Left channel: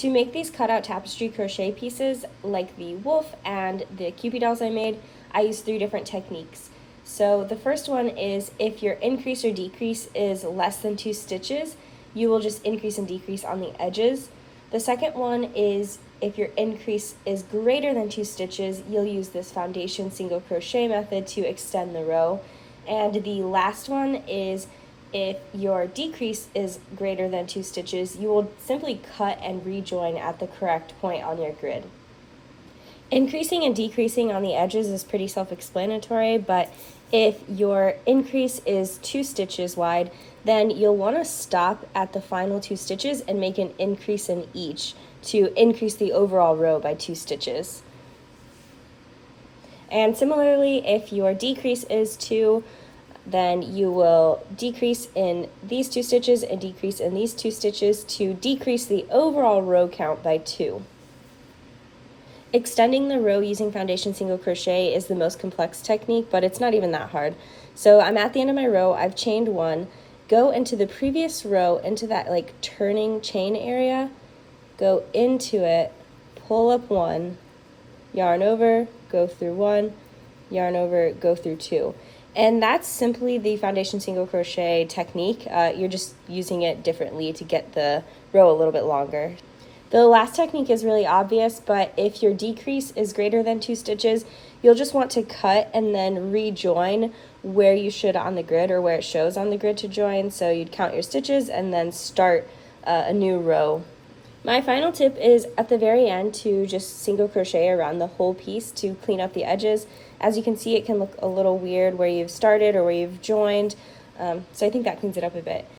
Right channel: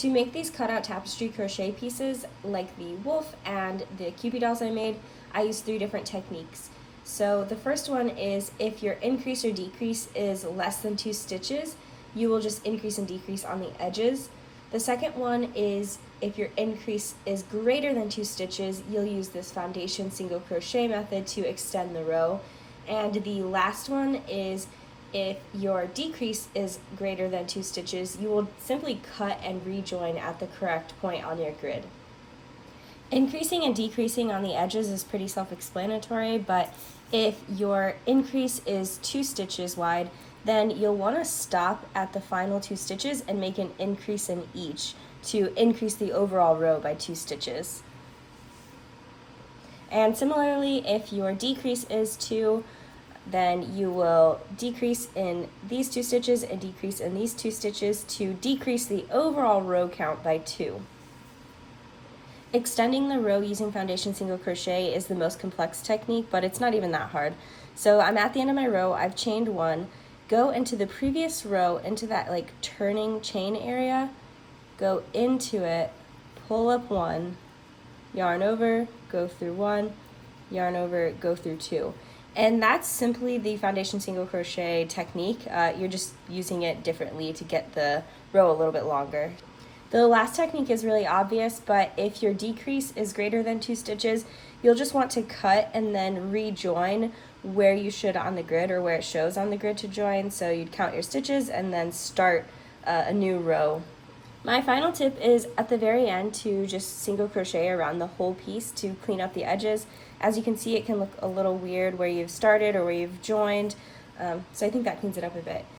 To make these cutout tapestry crochet pieces, like the wolf and the Cupid dolls I made, I used 3 different techniques. So the first one is if your increase or decrease is less than 2 stitches, you will just increase and decrease on the edges. The second one is if your increase is greater than 2 stitches, you'll use this foundation single crochet method to extend the row. And the last one is if your decrease is greater than 2 stitches, you will simply cut and rejoin at the correct point on your grid. Increasing and decreasing on the edges is pretty self-explanatory, but if your increase is 2 stitches wide, then you'll want to stop at the final 2 stitches and make an increase in each to increase the overall row by 2 stitches. And similarly, if your decrease is 2, then you will decrease in these 2 stitches and decrease in these 2 stitches to decrease the overall row count by 2. Extending the row using foundation single crochet is the most complex technique, but it's not even that hard. So I'm at the end of my row, I've chained 1, go into the previous row, into that like turning chain area, go into it, pull up 1, yarn over, go through 1, yarn over, go through 2. And that's simply the foundation single crochet technique. You're just using it differently to get the row a little bit longer. The last technique is really obvious, but if your decrease is greater than 2 stitches, you'll just want to cut and then rejoin where you should on the grid or where it shows on the grid to join. So you'd count your stitches and then start a new row. My final tip is at the very end to just single crochet around the whole piece to clean up the edges. As you can see, it can look a little weird where you've started or where you've joined, so I think that cleans it up a bit.